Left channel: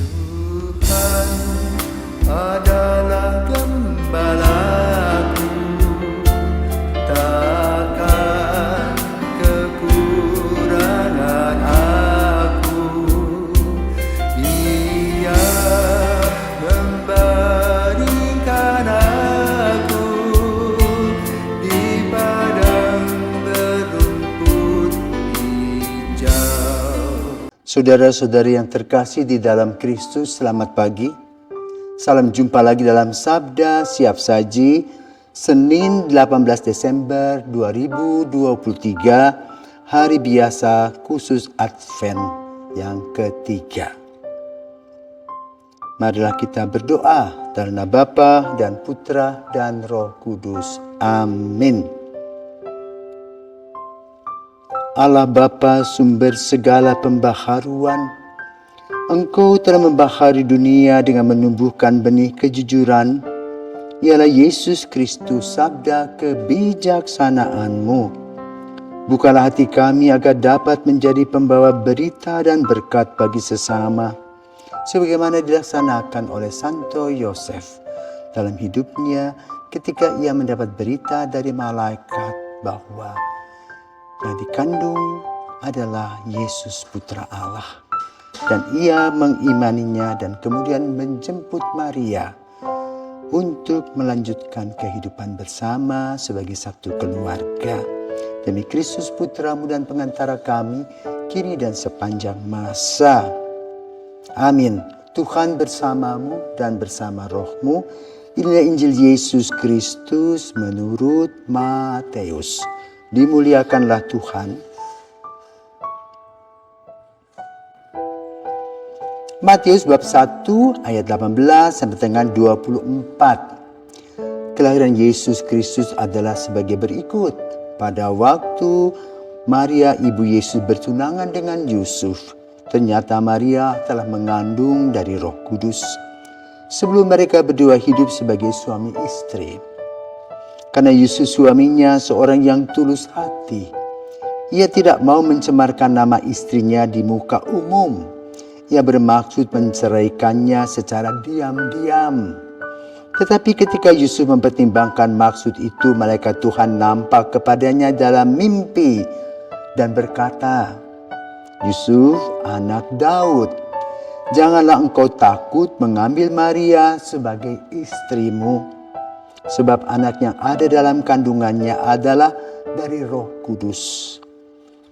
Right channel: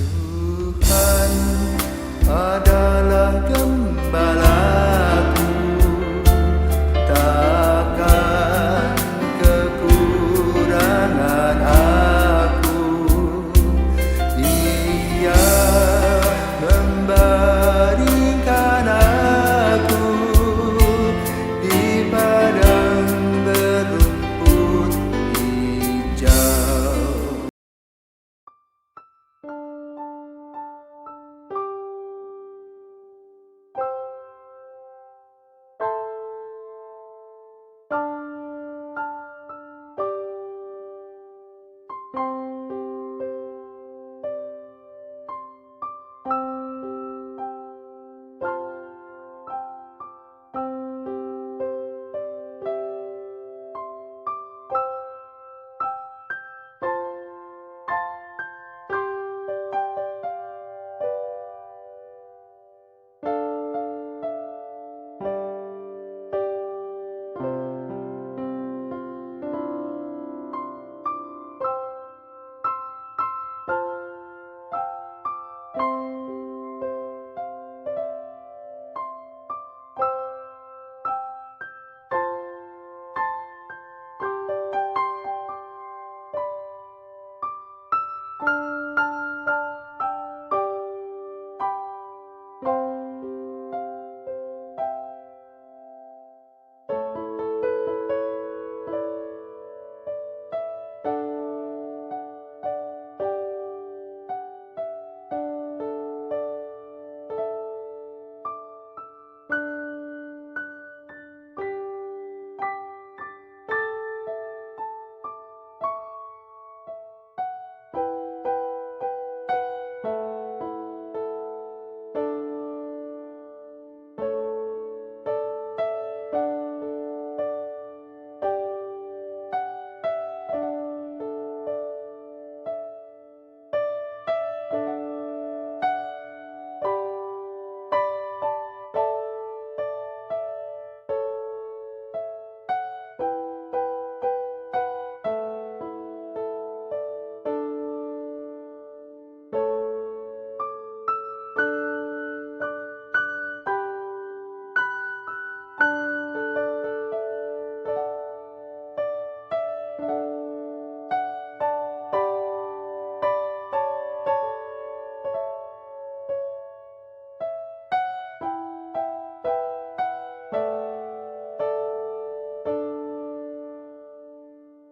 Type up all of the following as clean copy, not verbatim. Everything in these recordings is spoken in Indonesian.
Tuhan adalah gembalaku, takkan kekurangan aku. Dia membaringkan aku di padang berumput hijau. Saudara-saudari yang terkasih di dalam Kristus, selamat pagi. Salam jumpa lagi dalam Sabda Siap Saji, Senin 18 Desember 2023, hari biasa khusus Advent yang ketiga. Marilah kita berdoa dalam nama Bapa dan Putra dan Roh Kudus. Amin. Allah Bapa, sumber segala pembaharuan, Engkau telah membahari dunia dengan menumbuhkan benih kejujuran, ialah Yesus Kristus, sabda kebijaksanaan-Mu. Bukalah hati kami agar dapat menjadi pembawa berita dan berkat bagi sesama, sebagaimana dilaksanakan oleh Santo Yosef dalam hidupnya ketika ia mendapat berita dari malaikat bahwa yang dikandung adalah Yesus Putra Allah. Dan ia mengimaninya dan kemudian menjemput Maria untuk melanjutkan kehidupan bersama sebagai satu keluarga. Demi Kristus Putra-Mu dan pengantara kami, kini dan sepanjang masa. Amin. Tuhan bersamamu dan bersama rohmu. Inilah Injil Yesus Kristus menurut Matius. Dimuliakanlah Tuhan. Matius bab 1 ayat 18 sampai dengan 24. Kelahiran Yesus Kristus adalah sebagai berikut. Pada waktu Maria ibu Yesus bertunangan dengan Yusuf, ternyata Maria telah mengandung dari Roh Kudus sebelum mereka berdua hidup sebagai suami istri. Karena Yusuf suaminya seorang yang tulus hati, ia tidak mau mencemarkan nama istrinya di muka umum. Ia bermaksud menceraikannya secara diam-diam. Tetapi ketika Yusuf mempertimbangkan maksud itu, malaikat Tuhan nampak kepadanya dalam mimpi dan berkata, "Yusuf, anak Daud, janganlah engkau takut mengambil Maria sebagai istrimu, sebab anak yang ada dalam kandungannya adalah dari Roh Kudus.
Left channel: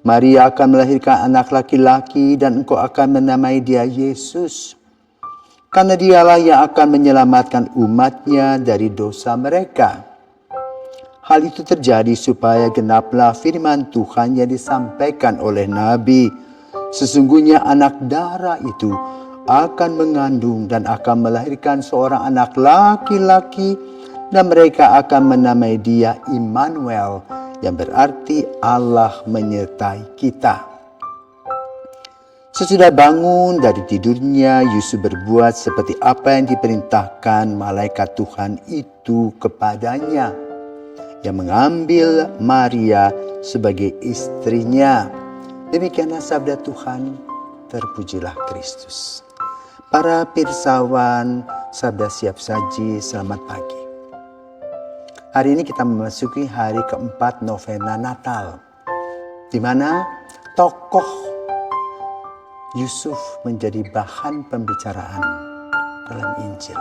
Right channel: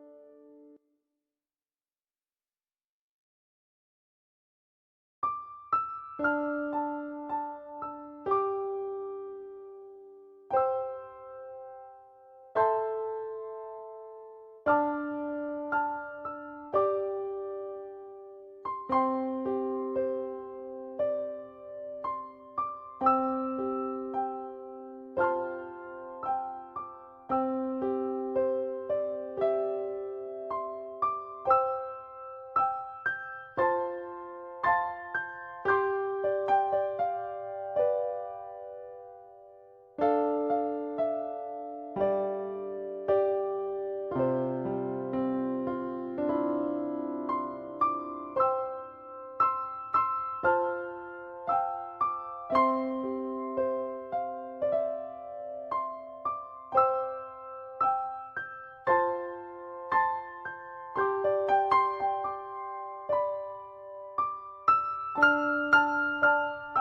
Maria akan melahirkan anak laki-laki dan engkau akan menamai dia Yesus. Karena dialah yang akan menyelamatkan umatnya dari dosa mereka." Hal itu terjadi supaya genaplah firman Tuhan yang disampaikan oleh Nabi. Sesungguhnya anak darah itu akan mengandung dan akan melahirkan seorang anak laki-laki, dan mereka akan menamai dia Immanuel, yang berarti Allah menyertai kita. Sesudah bangun dari tidurnya, Yusuf berbuat seperti apa yang diperintahkan malaikat Tuhan itu kepadanya, yang mengambil Maria sebagai istrinya. Demikianlah sabda Tuhan, terpujilah Kristus. Para pirsawan Sabda Siap Saji, selamat pagi. Hari ini kita memasuki hari keempat novena Natal, di mana tokoh Yusuf menjadi bahan pembicaraan dalam Injil.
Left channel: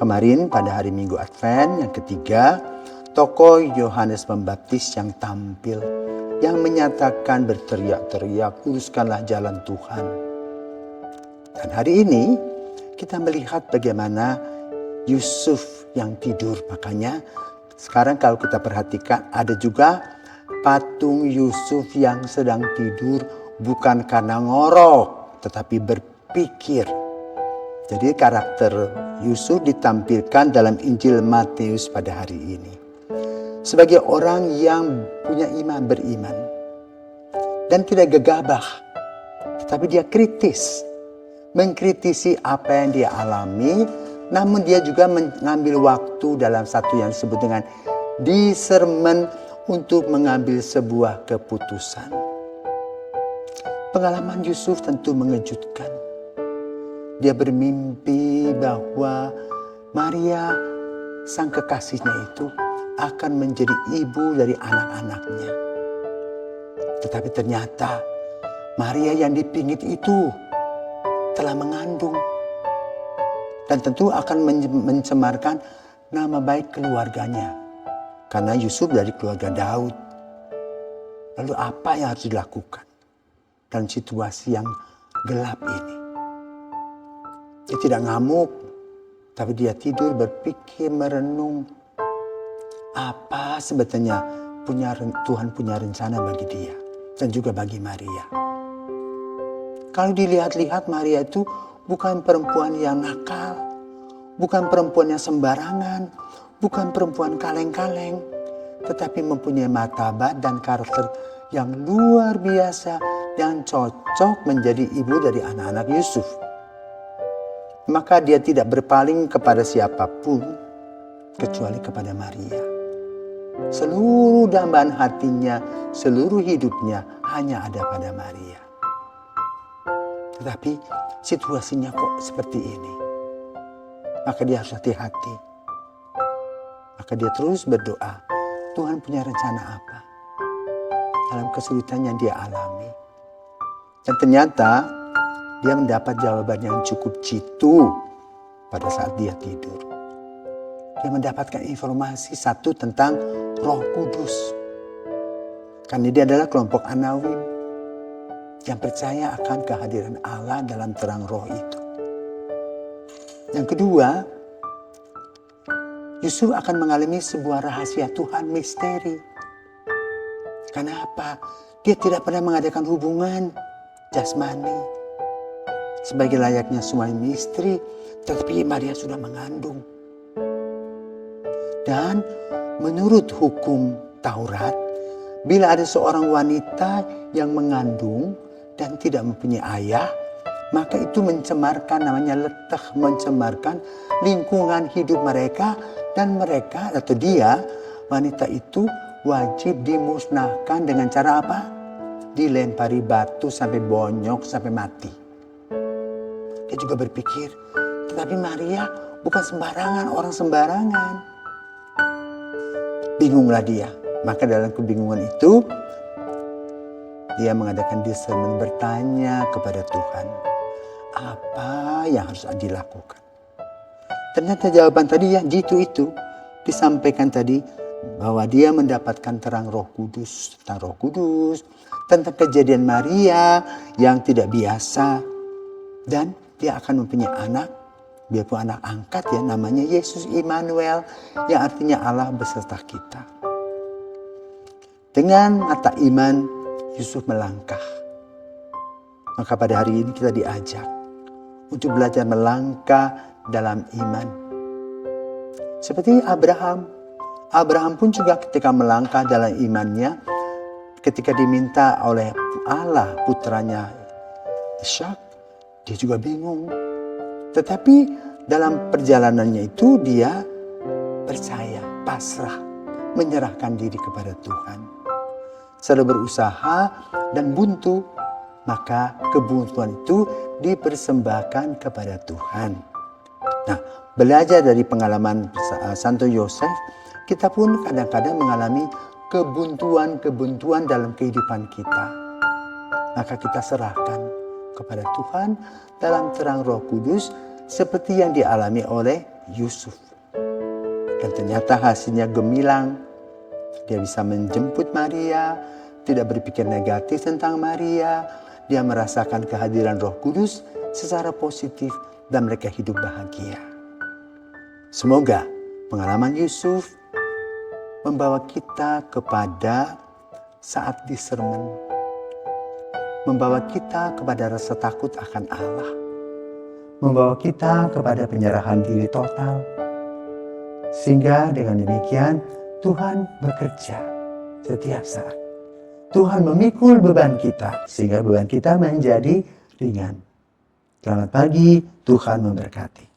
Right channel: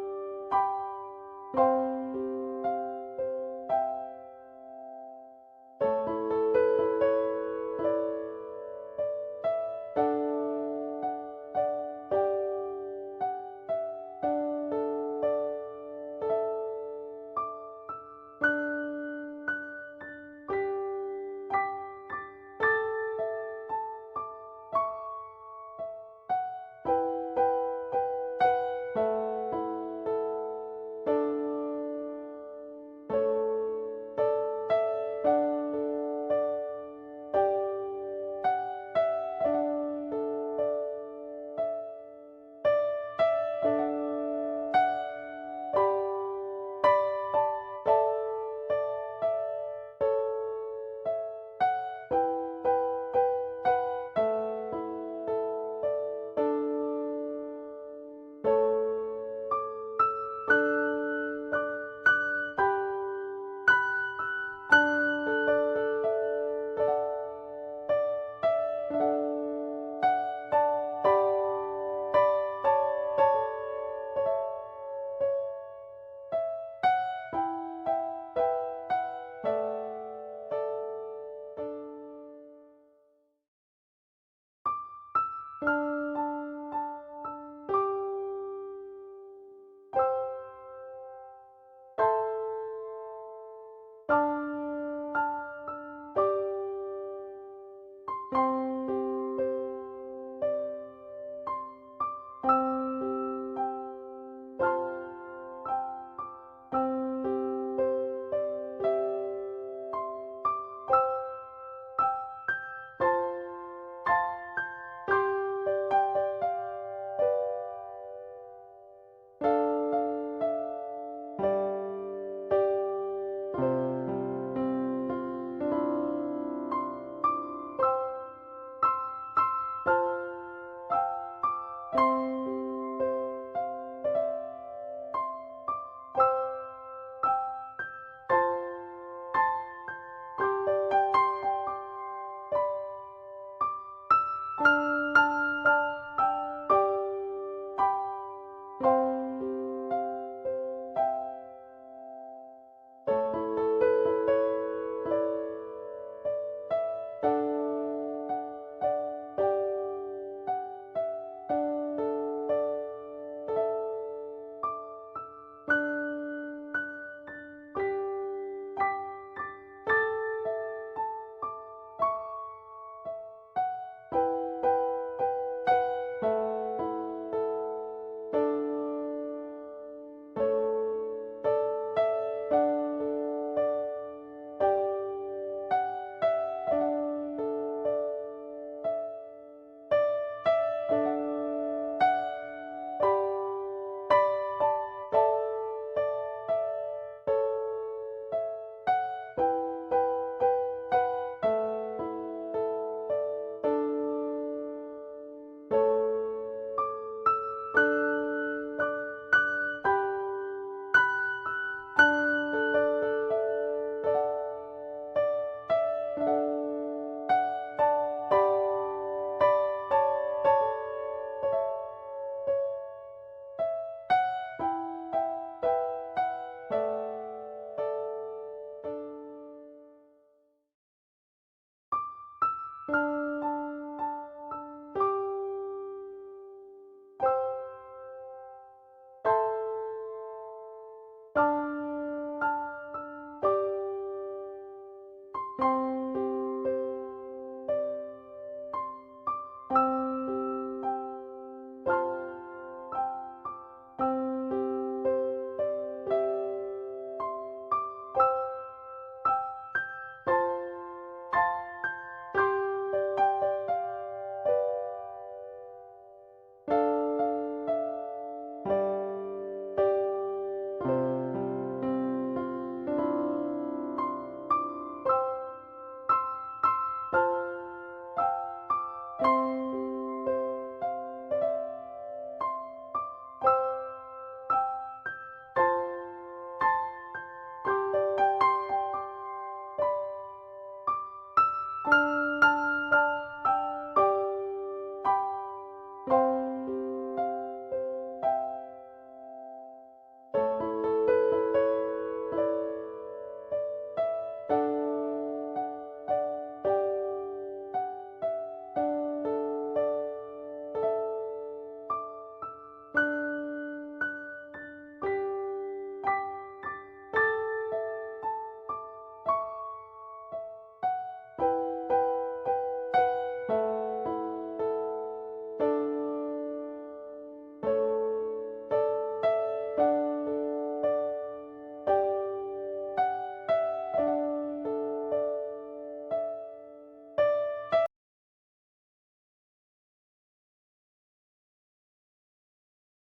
Kemarin pada hari Minggu Advent yang ketiga, tokoh Yohanes Pembaptis yang tampil, yang menyatakan berteriak-teriak, "Luruskanlah jalan Tuhan." Dan hari ini kita melihat bagaimana Yusuf yang tidur. Makanya sekarang kalau kita perhatikan ada juga patung Yusuf yang sedang tidur, bukan karena ngorok tetapi berpikir. Jadi karakter Yusuf ditampilkan dalam Injil Matius pada hari ini sebagai orang yang punya iman, beriman, dan tidak gegabah, tetapi dia kritis, mengkritisi apa yang dia alami. Namun dia juga mengambil waktu dalam satu yang disebut dengan discernment untuk mengambil sebuah keputusan. Pengalaman Yusuf tentu mengejutkan. dia bermimpi bahwa Maria, sang kekasihnya itu, akan menjadi ibu dari anak-anaknya. Tetapi ternyata Maria yang dipingit itu telah mengandung. Dan tentu akan mencemarkan nama baik keluarganya. Karena Yusuf dari keluarga Daud. Lalu apa yang harus dilakukan dalam situasi yang gelap ini? Dia tidak ngamuk, tapi dia tidur berpikir, merenung. Apa sebetulnya Tuhan punya rencana bagi dia dan juga bagi Maria. Kalau dilihat-lihat, Maria itu bukan perempuan yang nakal, bukan perempuan yang sembarangan, bukan perempuan kaleng-kaleng, tetapi mempunyai martabat dan karakter yang luar biasa yang cocok menjadi ibu dari anak-anak Yusuf. Maka dia tidak berpaling kepada siapapun kecuali kepada Maria. Seluruh dambaan hatinya, seluruh hidupnya hanya ada pada Maria. Tetapi situasinya kok seperti ini. Maka dia harus hati-hati. Maka dia terus berdoa, Tuhan punya rencana apa dalam kesulitan yang dia alami. Dan ternyata dia mendapat jawaban yang cukup jitu pada saat dia tidur. Dia mendapatkan informasi satu tentang Roh Kudus. Karena dia adalah kelompok Anawim yang percaya akan kehadiran Allah dalam terang roh itu. Yang kedua, Yusuf akan mengalami sebuah rahasia Tuhan, misteri. Kenapa? Dia tidak pernah mengadakan hubungan jasmani sebagai layaknya suami istri, tetapi Maria sudah mengandung. Dan menurut hukum Taurat, bila ada seorang wanita yang mengandung dan tidak mempunyai ayah, maka itu mencemarkan, namanya letah, mencemarkan lingkungan hidup mereka, dan mereka atau dia, wanita itu wajib dimusnahkan dengan cara apa? Dilempari batu sampai bonyok, sampai mati. Dia juga berpikir, tetapi Maria bukan sembarangan, orang sembarangan. Bingunglah dia. Maka dalam kebingungan itu, dia mengadakan discernment, bertanya kepada Tuhan, apa yang harus dilakukan? Ternyata jawaban tadi yang jitu itu disampaikan tadi, bahwa dia mendapatkan terang Roh Kudus, tentang Roh Kudus, tentang kejadian Maria yang tidak biasa, dan dia akan mempunyai anak, biarpun anak angkat ya, namanya Yesus Immanuel, yang artinya Allah beserta kita. Dengan mata iman, Yusuf melangkah. Maka pada hari ini kita diajak untuk belajar melangkah dalam iman. Seperti Abraham. Abraham pun juga ketika melangkah dalam imannya, ketika diminta oleh Allah putranya Ishak, dia juga bingung. Tetapi dalam perjalanannya itu dia percaya, pasrah, menyerahkan diri kepada Tuhan. Setelah berusaha dan buntu, maka kebuntuan itu dipersembahkan kepada Tuhan. Nah, belajar dari pengalaman Santo Yosef, kita pun kadang-kadang mengalami kebuntuan-kebuntuan dalam kehidupan kita. Maka kita serahkan kepada Tuhan dalam terang Roh Kudus seperti yang dialami oleh Yusuf. Dan ternyata hasilnya gemilang. Dia bisa menjemput Maria, tidak berpikir negatif tentang Maria. Dia merasakan kehadiran Roh Kudus secara positif dan mereka hidup bahagia. Semoga pengalaman Yusuf membawa kita kepada saat discernment, membawa kita kepada rasa takut akan Allah, membawa kita kepada penyerahan diri total, sehingga dengan demikian Tuhan bekerja setiap saat. Tuhan memikul beban kita sehingga beban kita menjadi ringan. Selamat pagi, Tuhan memberkati.